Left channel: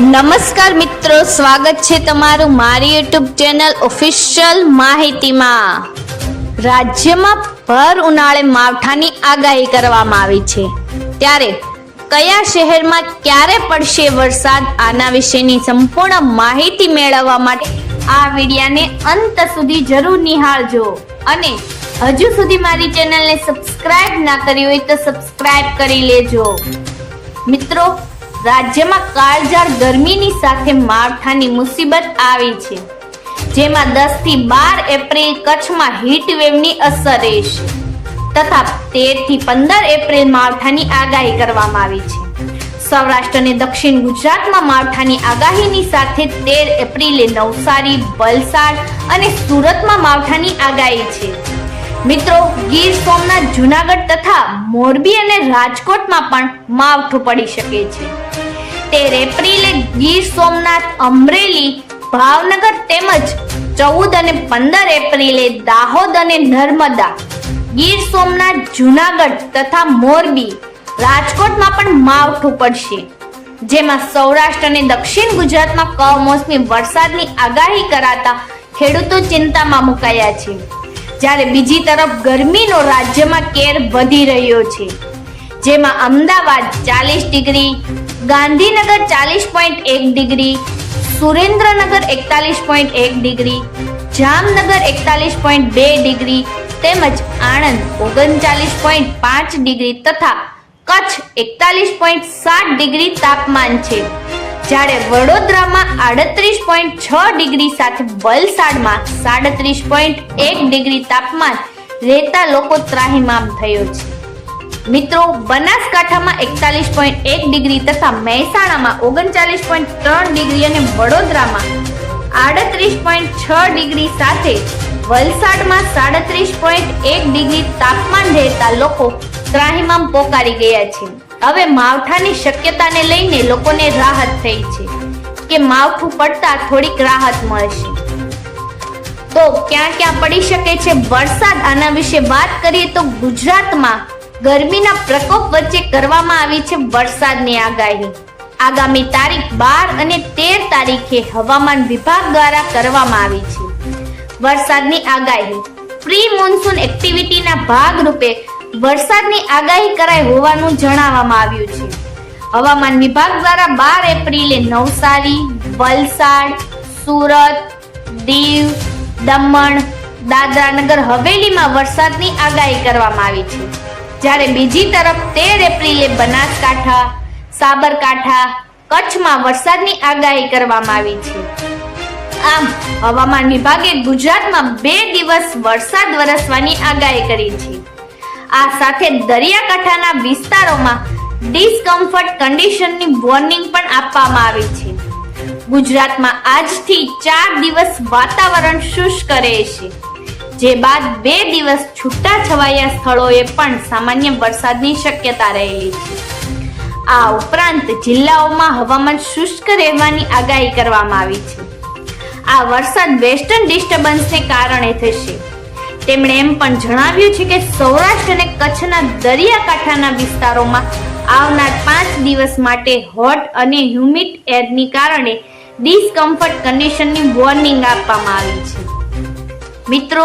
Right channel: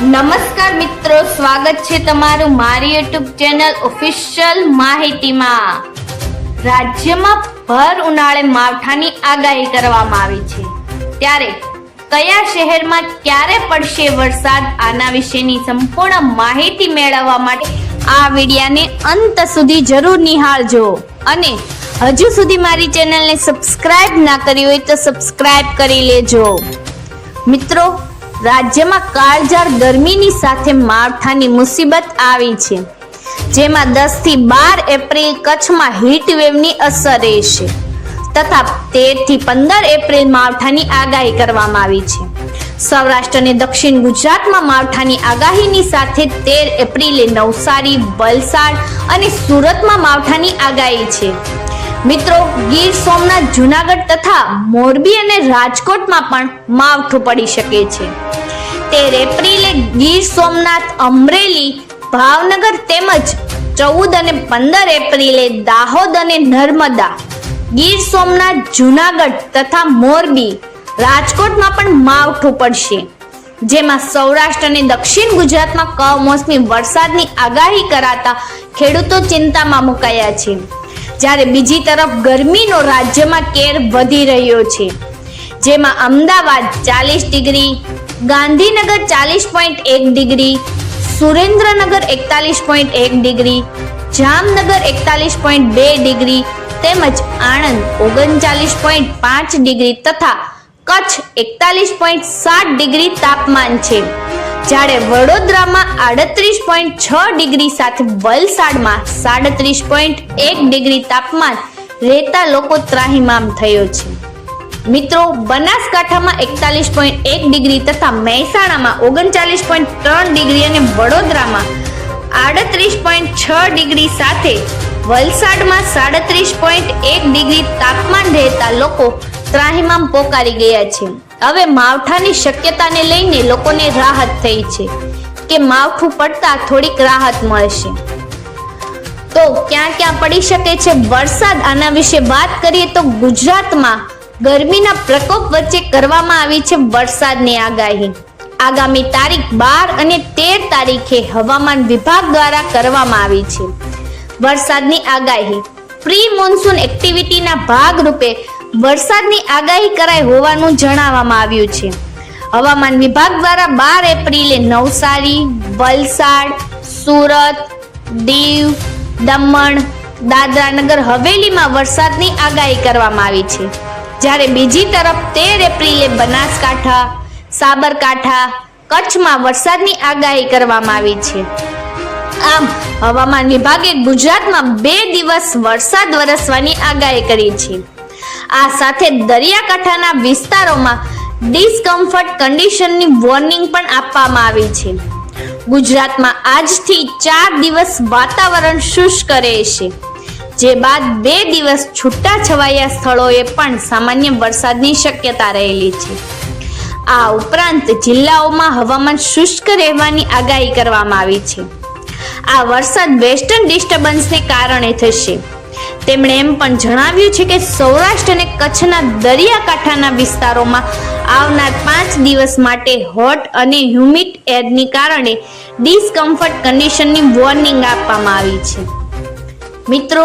નમસ્કાર મિત્રો, સ્વાગત છે તમારું મારી યુટ્યુબ ચેનલ ઓફિશિયલ માહિતીમાં. રાજ્યમાં ભર ઉનાળે માવઠાની આગાહી કરવામાં આવી છે. ત્યારે કયા શહેરમાં ક્યારે પડશે વરસાદ? આના વિશેની સંપૂર્ણ માહિતી મેળવવા માટે આ વિડિયાને અંત સુધી જરૂર નિહાળજો. અને હજુ સુધી મારી ચેનલને સબસ્ક્રાઇબ ના કરી હોય તો સબસ્ક્રાઇબ કરી લેજો. મિત્રો રાજ્યમાં કાળઝાળ ગરમીની સાથે માવઠાની મુસીબત આવી છે. જેમાં દસથી બાર એપ્રિલ કચ્છમાં હીટ વેવની અસર રહેશે તથા તેરથી પંદર એપ્રિલ માવઠાની આગાહી કરવામાં આવી છે. સૌરાષ્ટ્ર અને દક્ષિણ ગુજરાતમાં માવઠાની આગાહીની સાથે તેર એપ્રિલે નવસારી, વલસાડ અને સુરતમાં માવઠાની આગાહી છે. મિત્રો, ગીર સોમનાથ, જુનાગઢ તથા મોરબી અને રાજકોટમાં પણ માવઠું પડી શકે છે. તેર એપ્રિલે ગીર સોમનાથ અમરેલી, ભાવનગર તેમજ ચૌદ અને પંદર એપ્રિલે દાહોદ અને નર્મદા. ગીર સોમનાથ, જુનાગઢ તથા મોરબી રાજકોટમાં પણ માવઠું પડશે. જેમાં સૌરાષ્ટ્ર અને દક્ષિણ ગુજરાતમાં કમોસમી વરસાદની આગાહી કરાતા ખેડૂતો ચિંતામાં મુકાયા છે. જ્યારે બીજી તરફ ગરમીનો રાજ્યમાં કેર વધી રહ્યો છે. જેમાં અમદાવાદ ચાલીસ ડિગ્રી, ગાંધીનગર ચાલીસ પોઈન્ટ એક ડિગ્રી, સુરેન્દ્રનગર એકતાલીસ પોઈન્ટ એક ડિગ્રી, જામનગર એકતાલીસ પોઈન્ટ બે ડિગ્રી, તેમજ આણંદ ઓગણચાલીસ પોઈન્ટ પાંચ ડિગ્રી તથા કચ્છ એકતાલીસ પોઈન્ટ સાત ડિગ્રી તાપમાન છે. જ્યારે વડોદરામાં આડત્રીસ પોઈન્ટ છ ડિગ્રી સાથે વલસાડમાં સાડત્રીસ પોઈન્ટ એક ડિગ્રી તાપમાન રહેતા લોકો ત્રાહિમામ થયો છે. મિત્રો, બનાસકાંઠામાં એકતાલીસ પોઈન્ટ એક ડિગ્રી તથા મહેસાણામાં ઓગણચાલીસ પોઈન્ટ ત્રણ ડિગ્રી અને વડોદરામાં આડત્રીસ પોઈન્ટ છ ડિગ્રી સાથે વલસાડમાં સાડત્રીસ પોઈન્ટ એક ડિગ્રી તાપમાન રહેતા લોકો ત્રાહિમામ પોકારી ગયા છે. હવે માવઠાની શક્યતાને લઈને લોકોને રાહત થઈ છે કે માવઠું પડતા થોડીક રાહત મળશે. તો ક્યાં ક્યાં પડી શકે છે? વરસાદ આના વિશે વાત કરીએ તો ગુજરાતમાં ગરમીના પ્રકોપ વચ્ચે કરવામાં આવી છે વરસાદની આગાહી. આગામી તારીખ બાર અને તેર તારીખે હવામાન વિભાગ દ્વારા કરવામાં આવી છે. વરસાદની આગાહી. પ્રી મોન્સૂન એક્ટિવિટીના ભાગરૂપે વરસાદની આગાહી કરાઈ હોવાનું જણાવવામાં આવ્યું છે. હવામાન વિભાગ દ્વારા બાર એપ્રિલે નવસારી, વલસાડ, સુરત, દીવ, દમણ, દાદરાનગર હવેલીમાં વરસાદની આગાહી કરવામાં આવી છે. જ્યારે બીજી તરફ તેર એપ્રિલે બનાસકાંઠા, સાબરકાંઠા, કચ્છમાં વરસાદની આગાહી કરવામાં આવી છે. આમ, હવામાન વિભાગે ગુજરાતમાં બે દિવસ વરસાદ વરસવાની આગાહી કરી છે. આ સાથે દરિયાકાંઠાના વિસ્તારોમાં ડિસ્કમ્ફર્ટ કન્ડિશનની વોર્નિંગ પણ આપવામાં આવી છે. ગુજરાતમાં આજથી ચાર દિવસ વાતાવરણ શુષ્ક રહેશે. જે બાદ બે દિવસ છૂટા છવાયા સ્થળોએ પણ સામાન્ય વરસાદની શક્યતા રહેલી છે. આ ઉપરાંત જિલ્લાઓમાં હવામાન શુષ્ક રહેવાની આગાહી કરવામાં આવી છે. આ વરસાદ વેસ્ટર્ન ડિસ્ટર્બન્સને કારણે થશે. તેમણે એમ પણ જણાવ્યું છે કે સૌરાષ્ટ્ર અને કચ્છના દરિયાકાંઠાના વિસ્તારોમાં આવનાર પાંચ દિવસ માટે હોટ અને હ્યુમિડ એરની કારણે ડિસ્કમ્ફર્ટ કન્ડિશનની વોર્નિંગ આપવામાં આવી છે. મિત્રો